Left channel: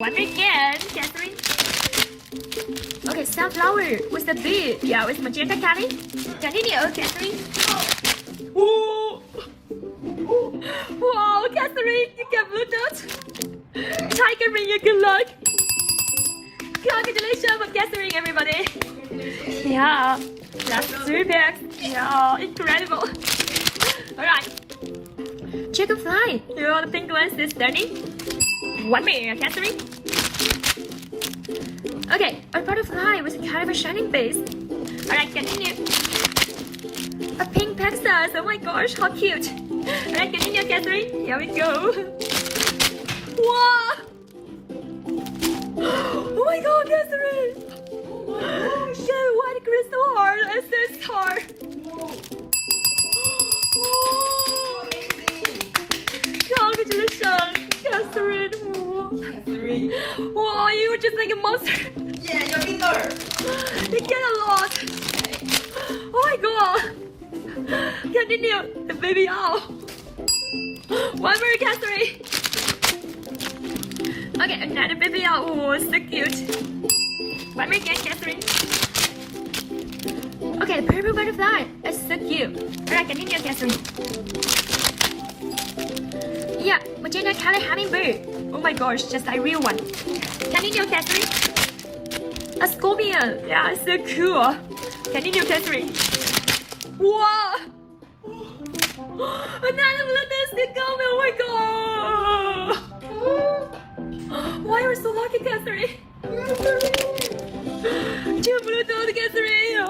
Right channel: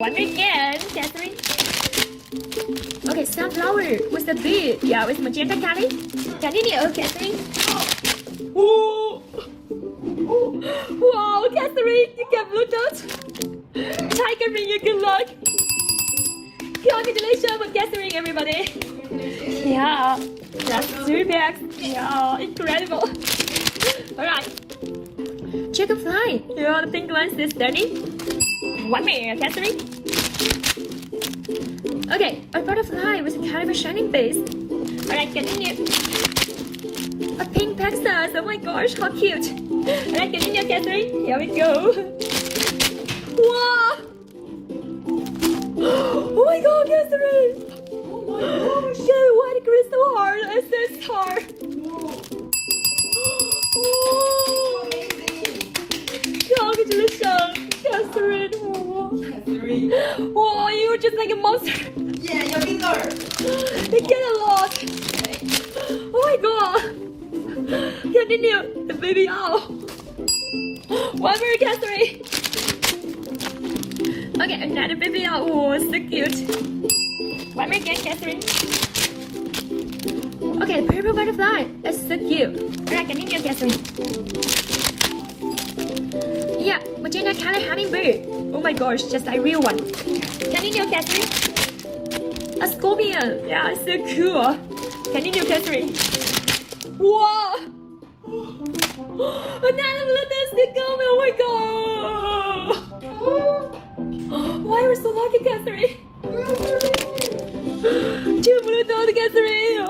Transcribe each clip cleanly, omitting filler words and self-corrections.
One again, Catherine. Okay, sunflower with the bee. Yeah, with magenta Kelly. Continue, Catherine. Ooh. Wow, Catherine, you got blue dot. Tiger bring you good luck. Congratulations with Catherine, everybody. Yeah, that's 3 bags. Yeah, incredible. Alright. Dragonfly. Yeah, the pink one is standing. 1 minute, Catherine. Okay, a butterfly with a kind of a shining base. Alright, continue. A pink Pegasus. Oh my gosh, how cute. Alright, continue, Catherine. Here we go. Wow! Oh my god, Catherine! Yeah, white crystal heart, SS heart. Congratulations, Catherine. Wow, you're just like a monster. Yeah, your finger. You get a lot. Oh my god. Continue. The baby owl. 1 more, Catherine. Okay, another baby owl. Oh, so cute. 1 more again, Catherine. Okay, purple butterfly. That's so cute. Right, continue, Catherine. Yeah, magenta colored hummingbird. Oh my gosh, just like real one. Continue, Catherine. A scorpion. Yeah, so cool. Continue, Catherine. Wow. Another blue still coming. Oh my god. Why are you so lucky, Catherine? 2 blue dots, Catherine. Oh.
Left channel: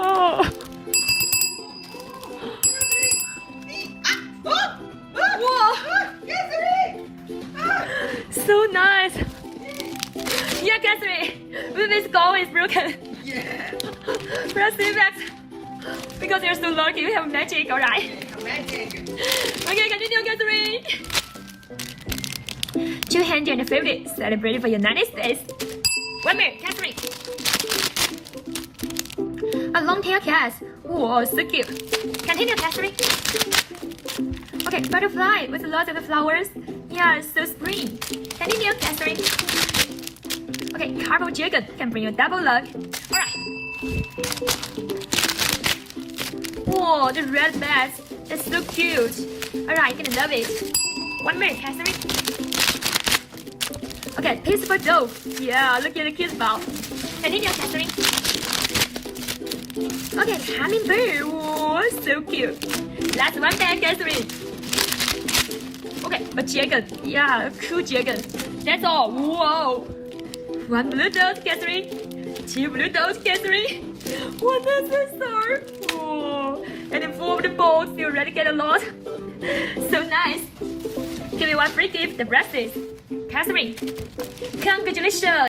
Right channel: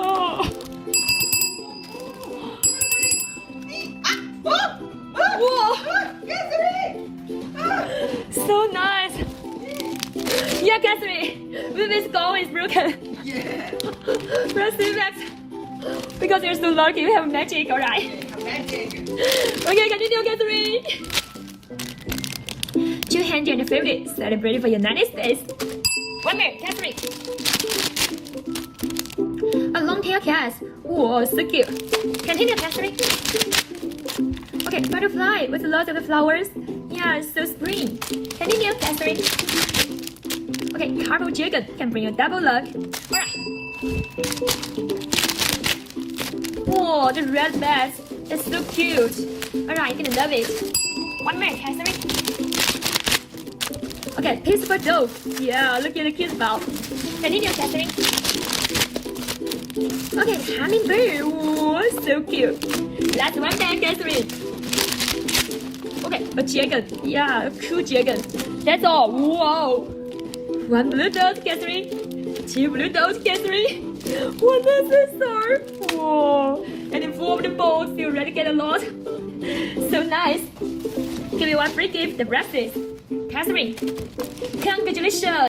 Wow. So nice. Yeah, Catherine. This skull is broken. Yeah. Press it back. Because you're so lucky, you have magic, alright? Magic. Okay, continue, Catherine. 250. Celebrate for United States. 1 minute, Catherine. A long-tailed cat. Whoa, so cute. Continue, Catherine. Okay, butterfly with lots of flowers. Yeah, so spring. Continue, Catherine. Okay, Carpal Dragon can bring you double luck. Alright. Whoa, the red bat. It's so cute. Alright, you're gonna love it. 1 minute, Catherine. Okay, peaceful dove. Yeah, look at the cute ball. Continue, Catherine. Okay, hummingbird. Whoa, so cute. Last one then, Catherine. Okay, a dragon. Yeah, a cool dragon. That's all. Whoa. 1 blue dot, Catherine. 2 blue dots, Catherine. 1 star. Whoa. And then 4 of the balls. You already get a lot. So nice. Give you 1 free gift, the bracelets. Catherine. Congratulations.